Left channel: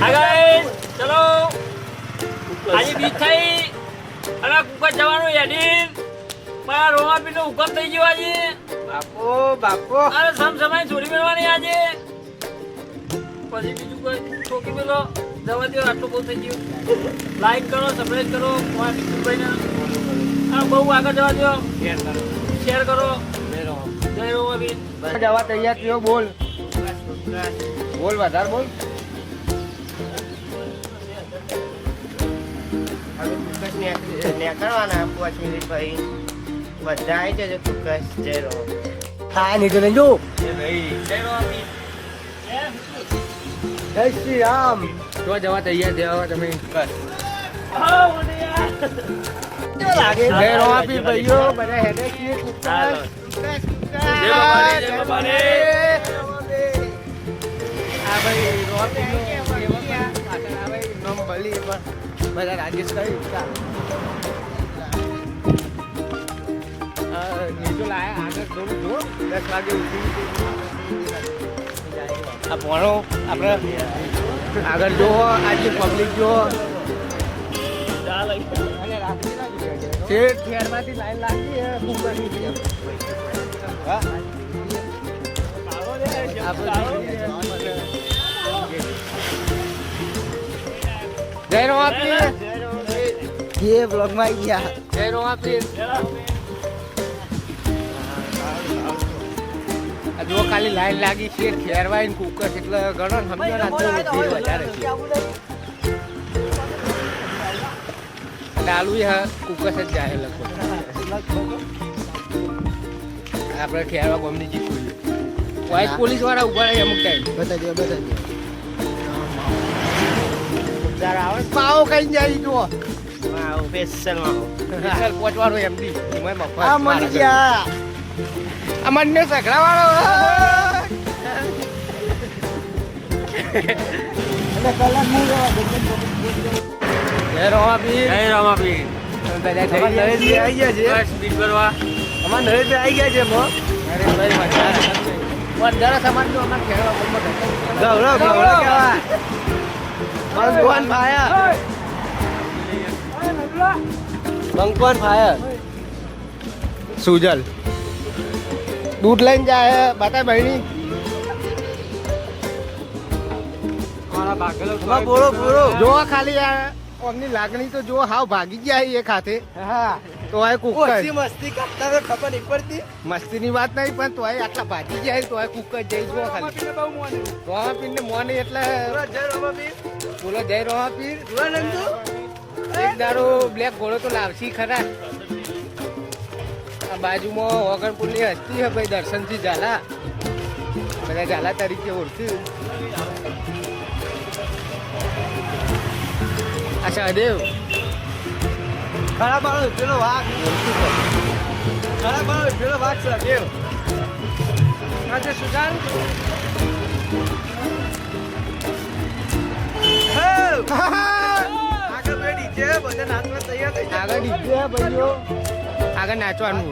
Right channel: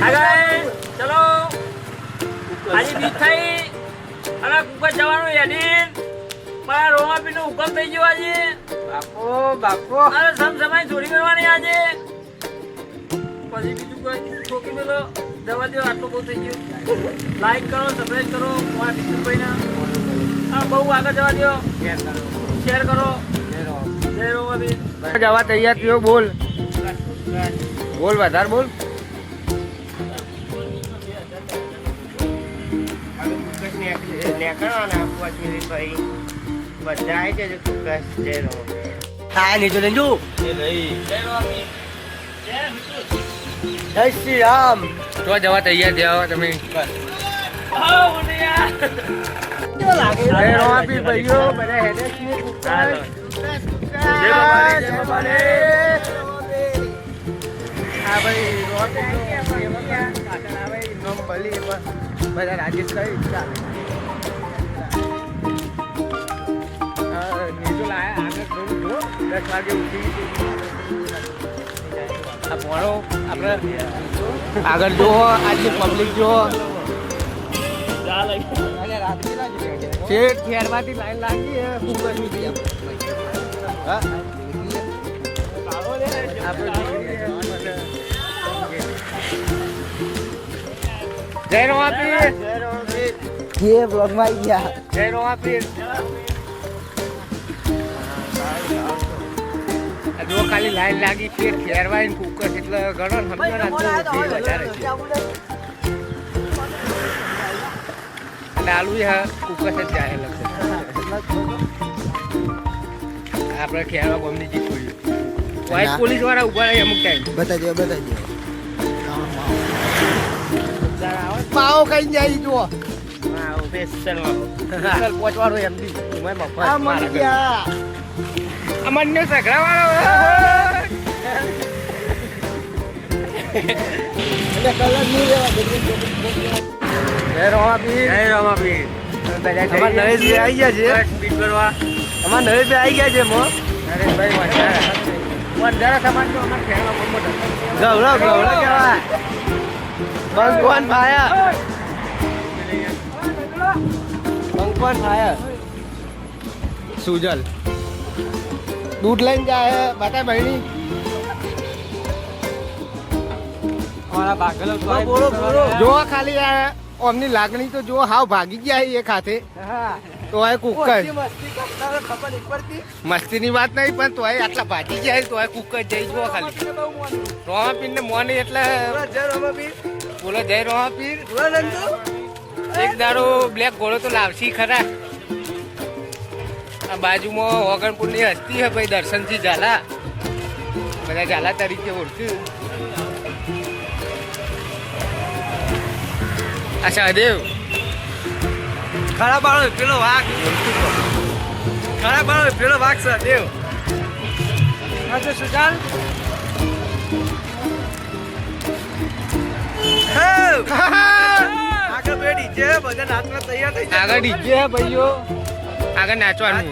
હા ગાઈસ ચલો આજે મીઠાઈ અને કુકર જવાનું યાદીન મારા રોમાપી નો હુકમ થઈ ગયો આજે બાપો બાપો અરે સમસમાઈ ચોરી કરવાની આજે પછી બીજું કોઈ ઠોકી મેલો દવા દો આટલું બહુ થઈ ગયું લાઈક કરો સબસ્ક્રાઇબ કરો મારા વિષ્ણુભાઈ ને હા બહુ આગળ જવા દો શેર કરો જય રોમાપી જવા તૈયાર થયો બોલ બોલ વધારે બોલ નીકળવાના પછી ભાઈ બધા આવી જજો ચોક્કસ જય રહો હા નીચે લેજો જય રોમાપી જય શ્રી રામ તો જવા તૈયાર થયા તમે હા ઉડ્યા જય રોમાપી ભાઈઓ બધા હેડે છીએ જય બાબાને આ ભાઈ રોમાપી બધા રાજેશ કઈ ચાલે નીચો લાયા આગળ થોડું જો 10 વાગે ઉઠી આ ભણો આપણે આગળ જુઓ આજની પબ્લિક જુઓ ખેરમાંથી લાઈન લાગી હા આપણે જય રોમાપી ये ब्लॉग में आई गया जय रोमापी જો ખાલી લાઈન લાગી છે ફેરવાઈ કુકર એટલે ઘણો સમજો ને ભીડ વધારે છે ડાલુ કુકર જ જાય લગભગ આપણે ખેરવા બમની જીત વ્હાઈટ પોલીસ વાળા ઉભા રહે અમુક ટાઈમ બતાવી પાવ કઈ જાય જો સ્પેશિયલ પહોંચવાનો એમડી અમને સગડા વાળો જય રોમાપી બધા આવી ગયા છે સ્પીડ કરવા અમારા નરેશ આવી ગયા છે નરેશભાઈ વધારા સમાજ નો અમારે ખેડવા ભગવાન ભાયા બંકર ફાયર સુજલ દૂધ લઈને જાય બતા બહેની જો ખાલી અમની લાગણી તો જો હાવ ભાગી ગયા એ ખાતે તો આ કુકર મસ્તી ની વાત નહીં પણ તો આટલા ભાગી ગયા તો આ કુકર જઈ જો ખાલી રોમાપીર ને મોને એટલે બોલો જય રોમાપીર એક દાડો બ્લેક ઘોડો તો લાવશી ખરા આ બાજુમાં ઓગણપુર ની હસ્તી હે ભાઈ દર્શનથી ઝાલા બધા ઝાલા તરીકે ઓળખ્યું આ સહદેવ ખરા બાળો પેલો વાઘ ઓળખ્યું ખરા બાળો પેલો વાઘ સહદેવ સુજાલ આગળ ડીજે ભાઈઓ આગળ નાચવાનું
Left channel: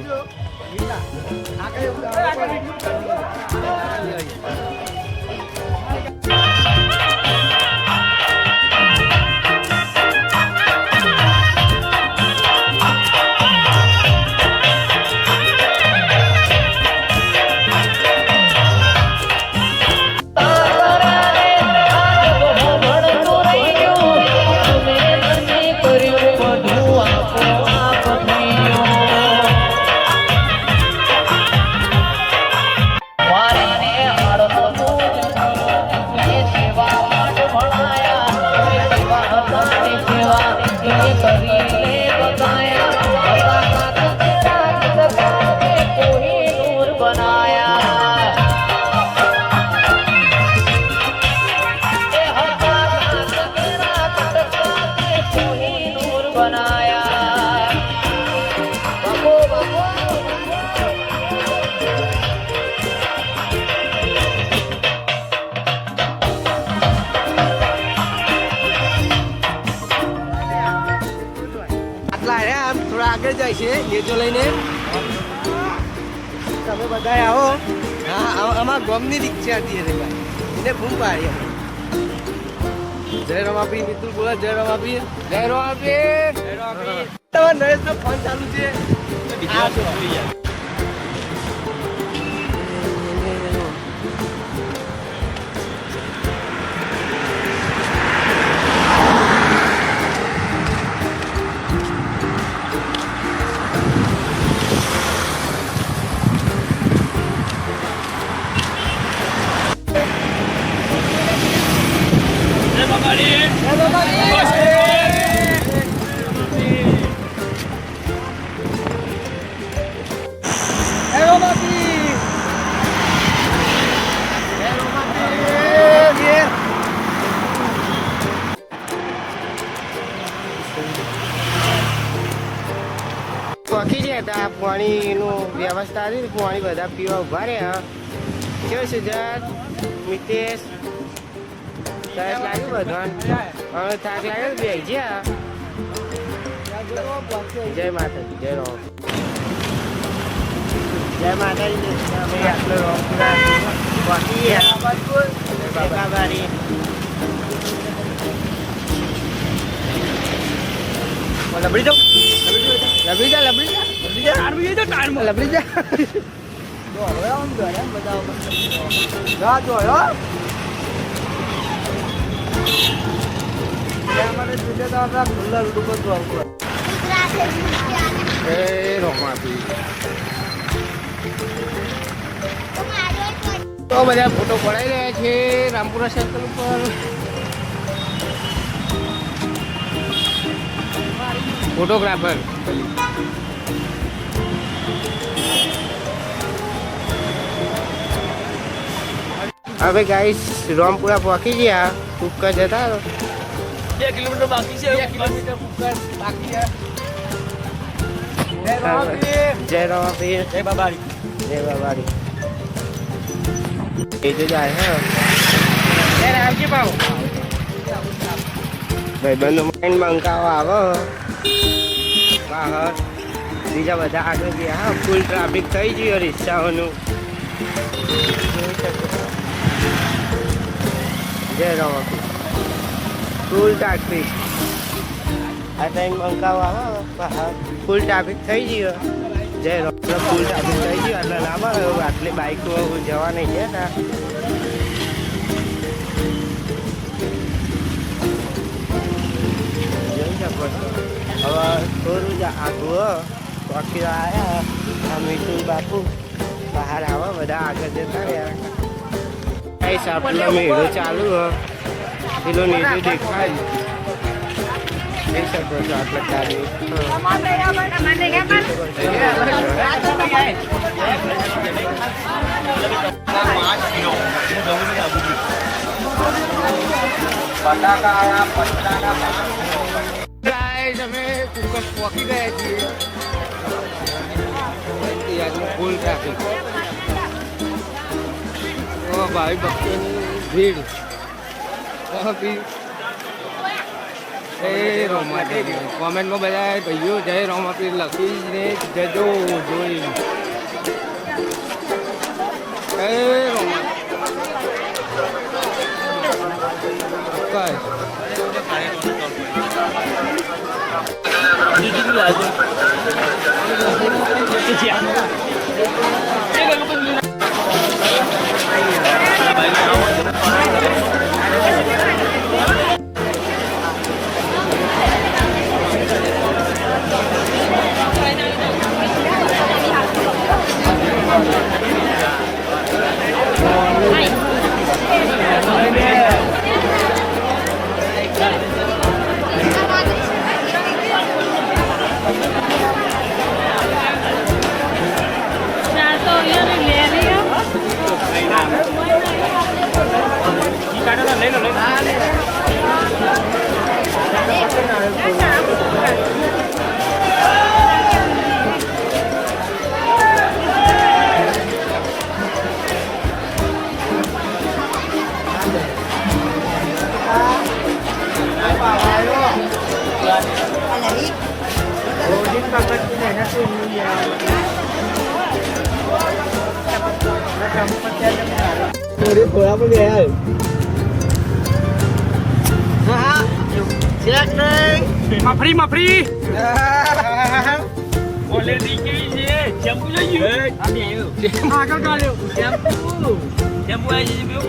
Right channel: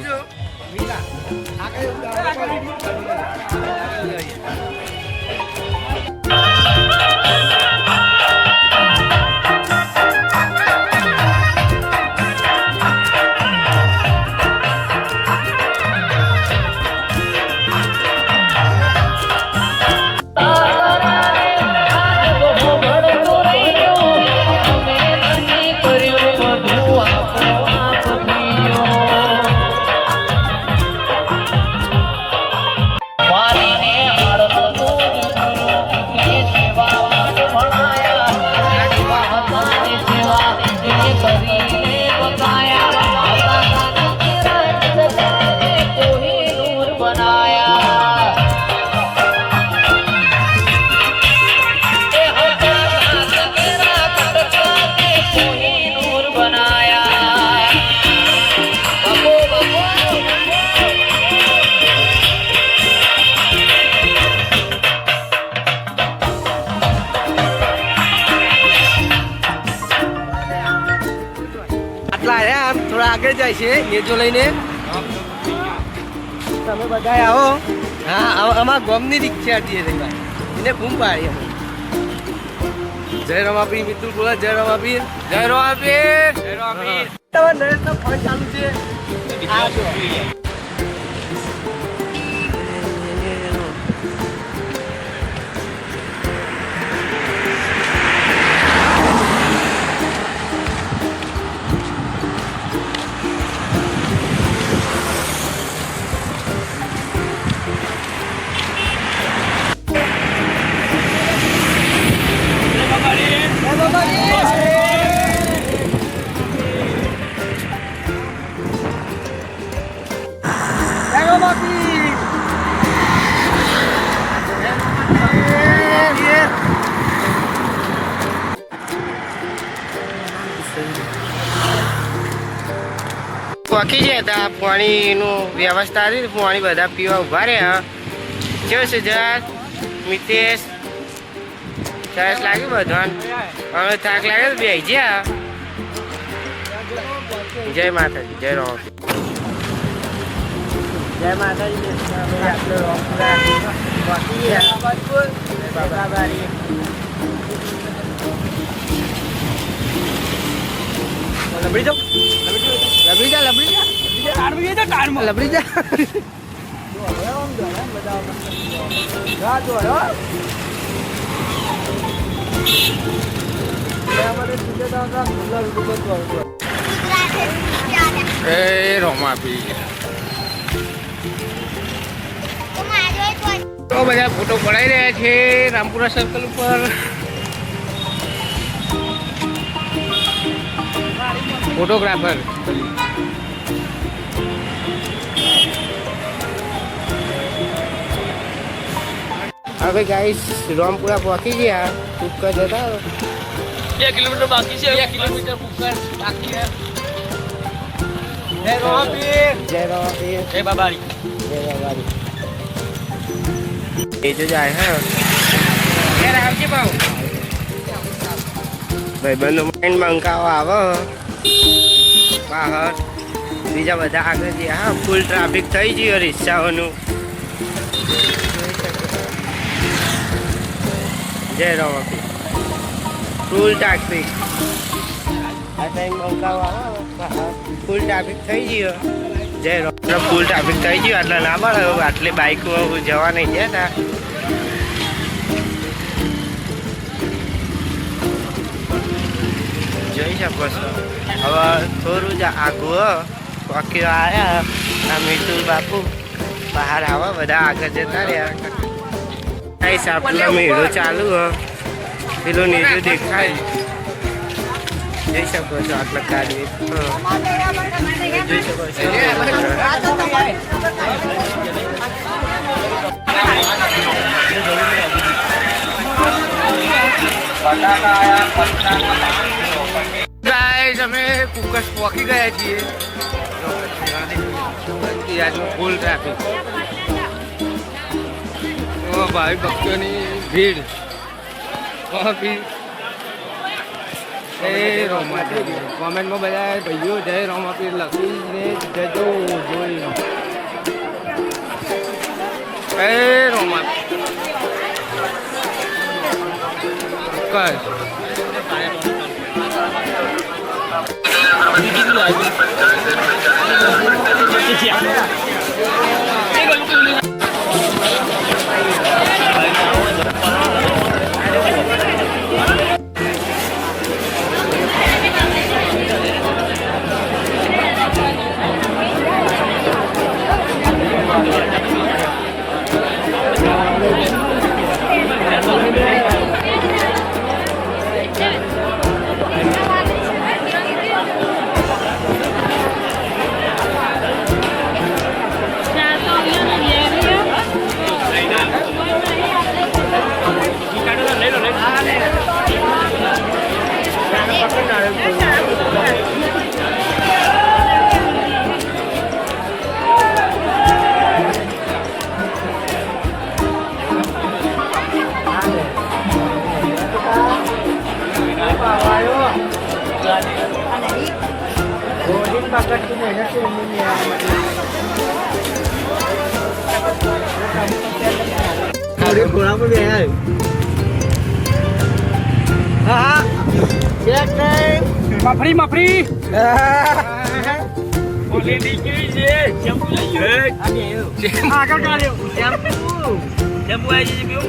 આગળ જાય છે લેજો લઈને તમે બધા આવો હા અમારા ગામની રિક્ષા હતી એને બૂમ પાડી જય રમાપીર મિત્રુ બોલા જય રમાપીર જય રમાપીર જય રમાપીર તમારા નરેશનો ફોન ચાલુ છે આ જો પકી ગયા હતા પાણીનું વ્યવસ્થા હતી પાણી બધા પીવા ઉભા રહ્યા કેવું છે જર મિતેશ સરસ લાગ્યું બધાને હવે થાક લાગે તો બેસી ગયા જય માતાજી જય રામ જય માતાજી આટલો રોમપુરા પકી ગયા બાબા બારી લબડી જા એ રોમાપી તો બધા ફોટો પડાઈ રહ્યા છે રામપુરા સર્કલ ઉપર ફોટોગ્રાફર હવે ગાઈસ રામપુરા પહોંચી ગયા કુકર જતા 2 કિલોમીટર બાકી છે 2 કિલોમીટર કુકર બાકી છે જય રમાપીર જય બાબારી જય બાબારી એ જો જાય હા આવજે ભાવ ભાઈબંધો માઇન્ડ બંકાવો આવો બહાર બીજા બધા આગળ ગયા હા ફૂલ ટ્રાફિક થઈ ગયો રિક્ષાઓનું જય રમાપીર ફૂલ ટ્રાફિક આ ટાઈમ બંકાવો આવો બહાર ફૂલ ટ્રાફિક થઈ ગયો જય રામ ફૂલ ટ્રાફિક થઈ ગયું એટલે ના મળે આટલી બાઇકો જવા નહીં ગયા હતા જોઈ શકો છો હવે થોડું જ આગું પકી આવ્યા આ મિતુલ બાપુ બહાર આવા બધા આગળ જતા રહ્યા કઈ સાપનો મેળો ચાલુ પેલું નીચું દેખાય જોઈ શકો છો આટલા કાર્ય જોઈ શકો છો ગાઈસ અમે કુકસ પહોંચી ગયા છીએ આજનું ફૂલ ટ્રાફિક ભાવિ ભક્તોની ભીડ જય રોમાપીર કોમેન્ટમાં બધા ભાઈઓ જય રોમાપીર લખીને જજો જોઈ જય રોમાપીર કસ Mau dia pulang apa dia? મફરી ઓલેડી કેવી છે શેમ્પુ લઈ ગયો આગળ કાઢ્યો શેમ્પુ આવી છે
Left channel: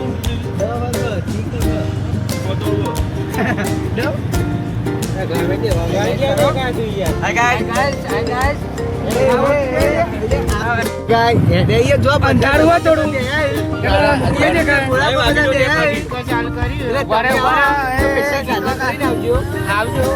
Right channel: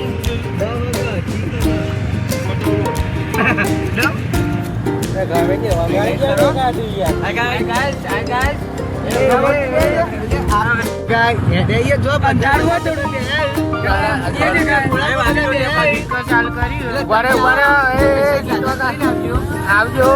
આવજો